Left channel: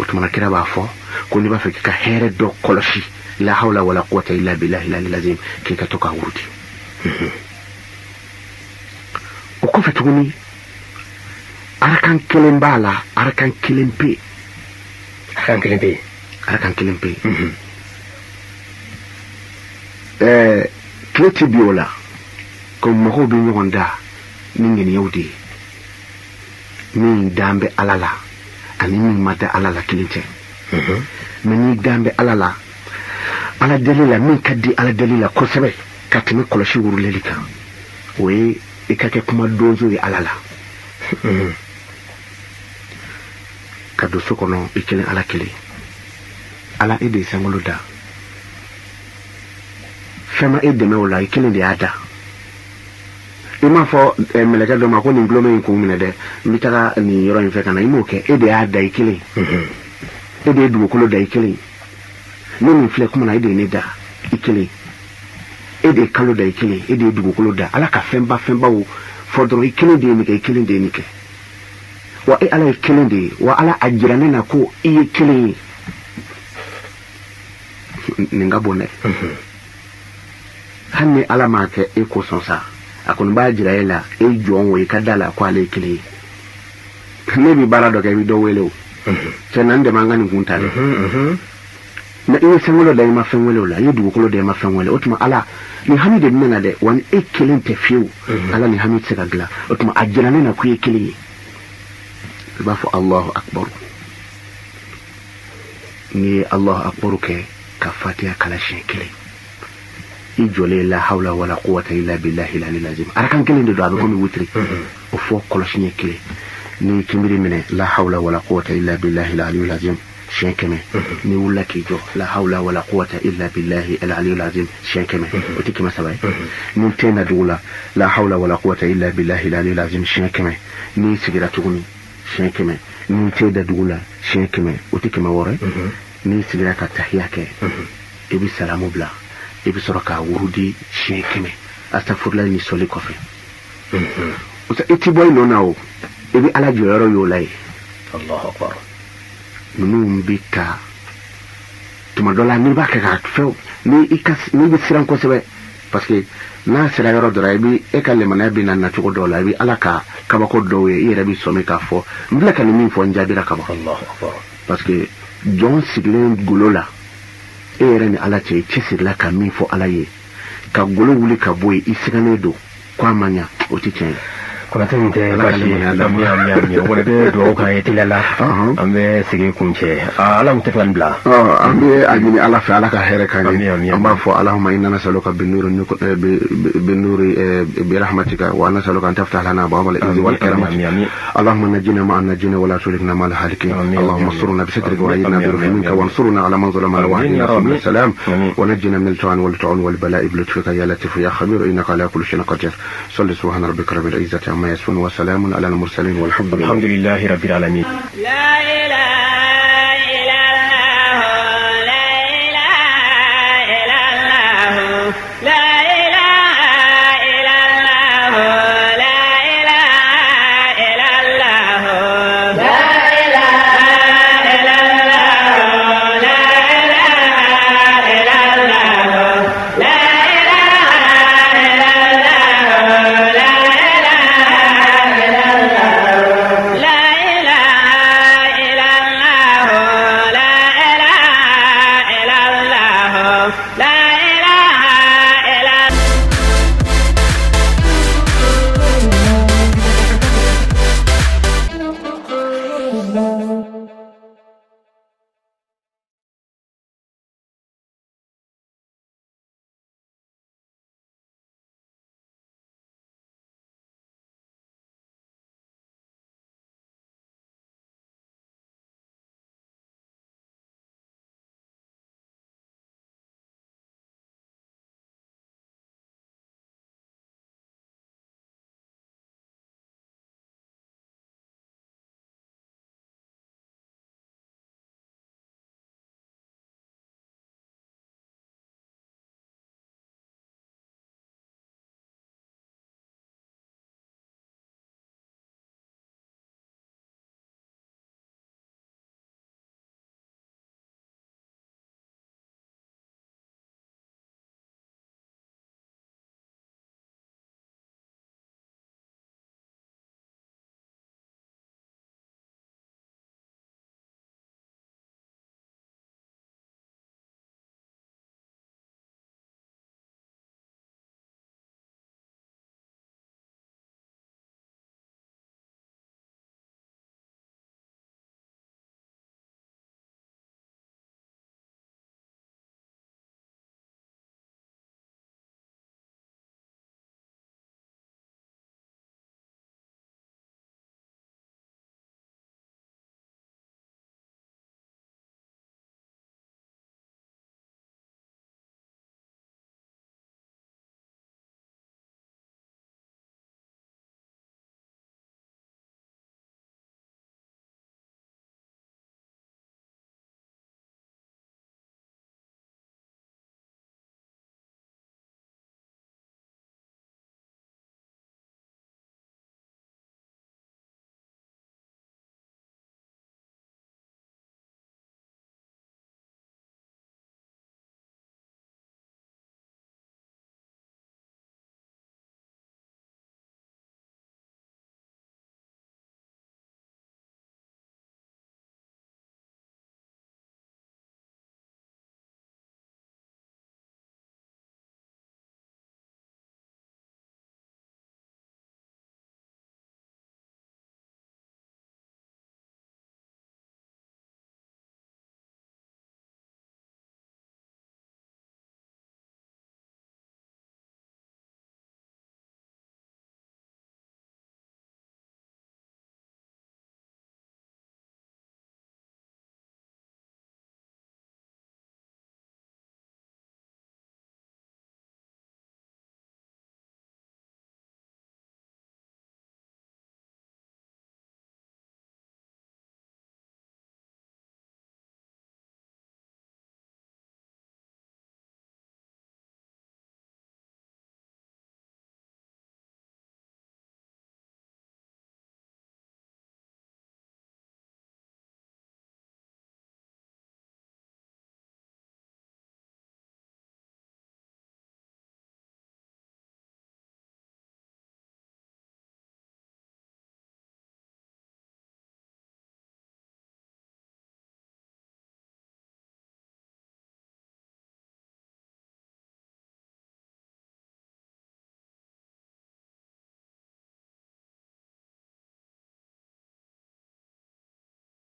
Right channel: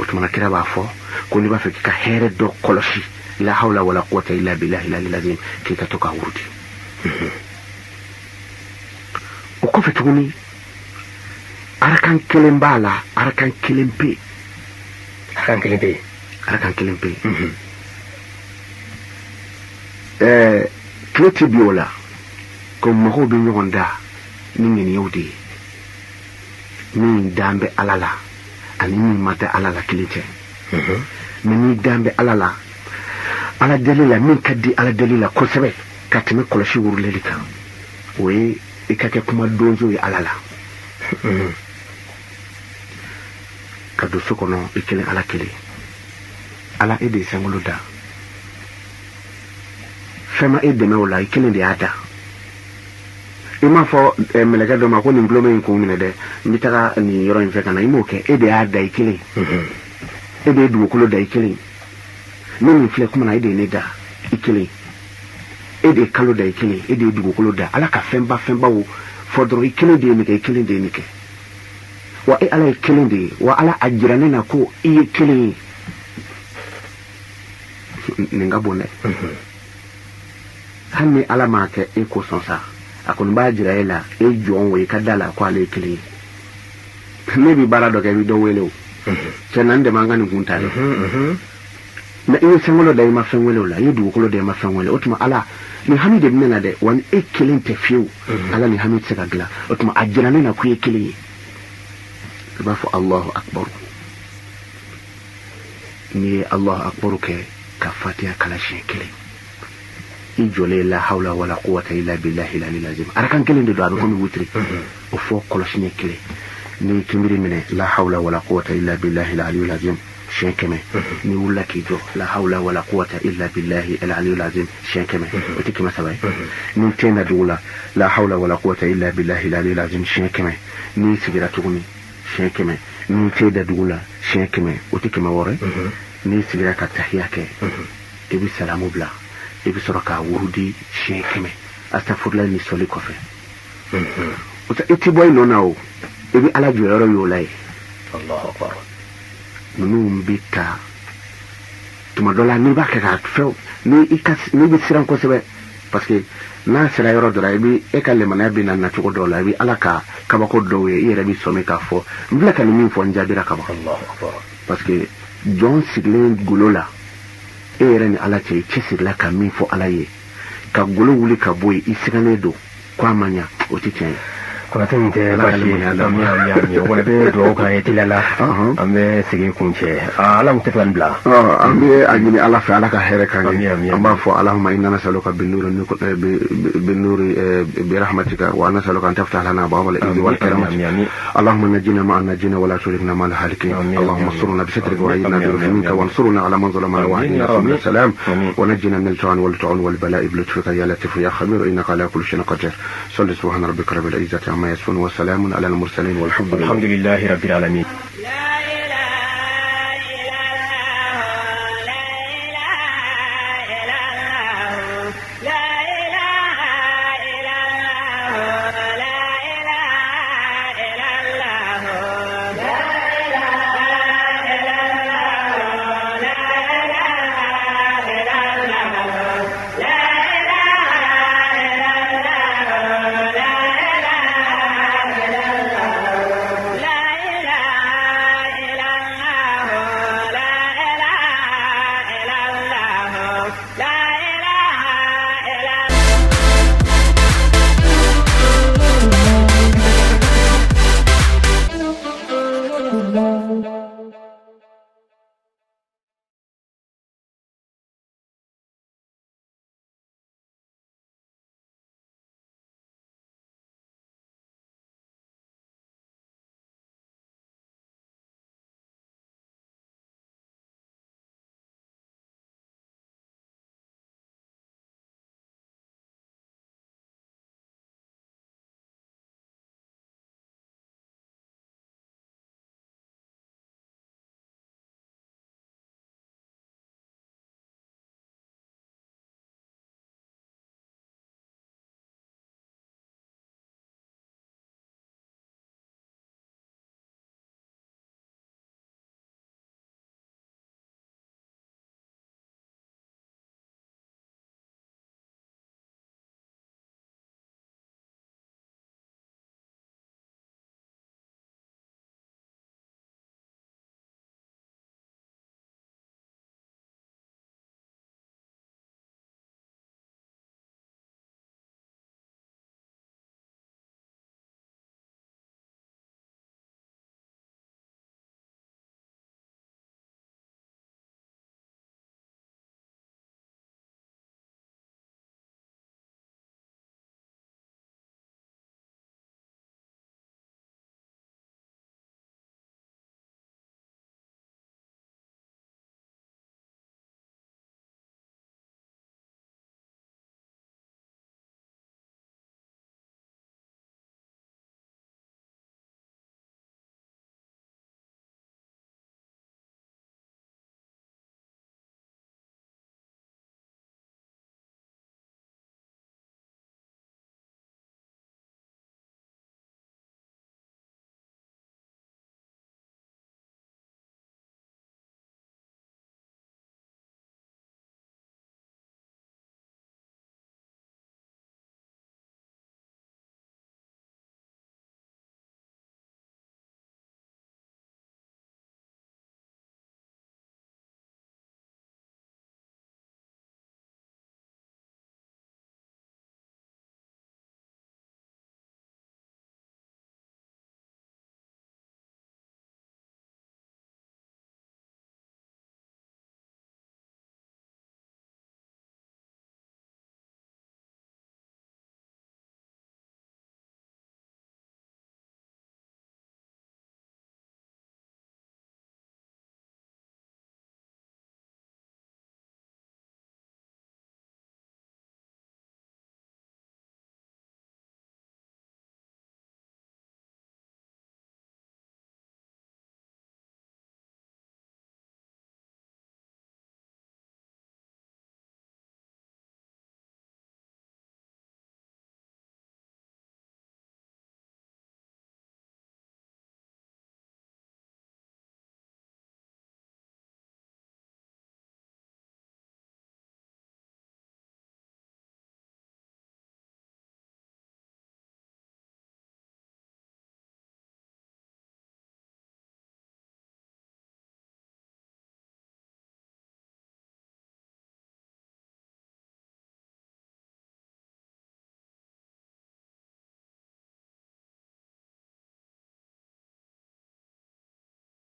وتمنى كده بعفو كوني بفك كهير دو كولشي لا حول ولا قوة إلا بالله العظيم كي كتوكا ورودي وكوفة توني أركان كلم بالا أركان كلم بي أركان كلم بي تلتي بيولا كم مهو بيون دا نين يودي نين دامبي ألالا أني نين مادة ألالا كليتين مني دامبي ألالا على دليل من كدي على دليل كوسبة كاتمي كلشي ورليليكا وي إكاكي كما دوزوي ألالا كدو سكونو إكلين على كلي على إيدي سنغلو دا فما إيدي مولا إكلين دي عدا إما فو ملكة دوما كون نبلومي يكون من ده متى ني يروين فكنا يموكي إيدي عدا إكلين إيدي دو كلو دا إكلين نمي فلك من إيدي ندا إكلين إيدي كلو دا إكلين إيدي دو كلو دا على كفنبا و فودرو إكلين دي نيكي إكلين دي نيكي وإيه على إكلين دي وعلى أجرانينا كو إيه إكلين نغابوني hanni ala ma ke e ko sonsa akon ba jira ela e jon we kadala kwa le kili ne bi bara do ke bi do welo se nan de mangani kunta na e sengolo dai ma fengolo la yudu ko de ma fengolo otuma ala ni hamide nena de wan e kilin te fiu ala ni hamid se gagla otuma ajira ne na ku e kili ba fa Allahu akbar ni Allahu akbar ke kafatiya kala shekili إجولي لا حول ولا قوة إلا بالله العلي العظيم أركان كلين دو أبو كومي وتري وفوق كلاشني كلي ني كمري من لا حول ولا قوة إلا بالله العلي العظيم شين كمي ني ولا كيجو لا حول ولا قوة إلا بالله العلي العظيم شين كمي بتيكي ما سواي ني تينا دولا لا حول ولا قوة إلا بالله العلي العظيم شين كمي ني سيغراتوني شين كمي ني تيدا دولا شين كمي وتيكي ما وري ني سيغراتا تحياك إبي سلامو بلا ibi soroka wurudi shekeme astaghfirullah ni soli kofe so iti boy no now ibi ala joro yo lay Allahu akbar nunu bika tuma dola ni ba ka fe ni ikas ni bi siran ko sebe parce que na sira yoro dora ibi e kalle mana bi na tuko dola ibi ala ka ba ko dowe ire bi so me ka fo mbla kan min fo njabira ka Allahu akbar parce que John Siglen gulola ereni ala ce kisir la ka min fo ala ye ka gulu wuli ka boy isigane do kwa manya otike ko tan te kashi mi wala be do ka yetilala ambe sige kunche ala mutafan bla ambe ajini ala fa ala ka here kan amba fo allahumma inna nasaluka bin nuri bi rahmatika wa nasaluka an taftah lana abwaab al-izzi wal karamati allahumma najina ma najina wa la tulikna ma al-halikin allahumma surna bi sitrika wa ayyidna bi rahmatika wa ansurna ala man zalama wa ahdina salam wa najina min al-ta'an wal ta'un wal bala'i bi lutfika ya latif ya khabir innaka ala kulli shay'in qadir salli subhana rabbika rabbil izzati ما يسون وسلام على المرسلين والحمد لله رب العالمين.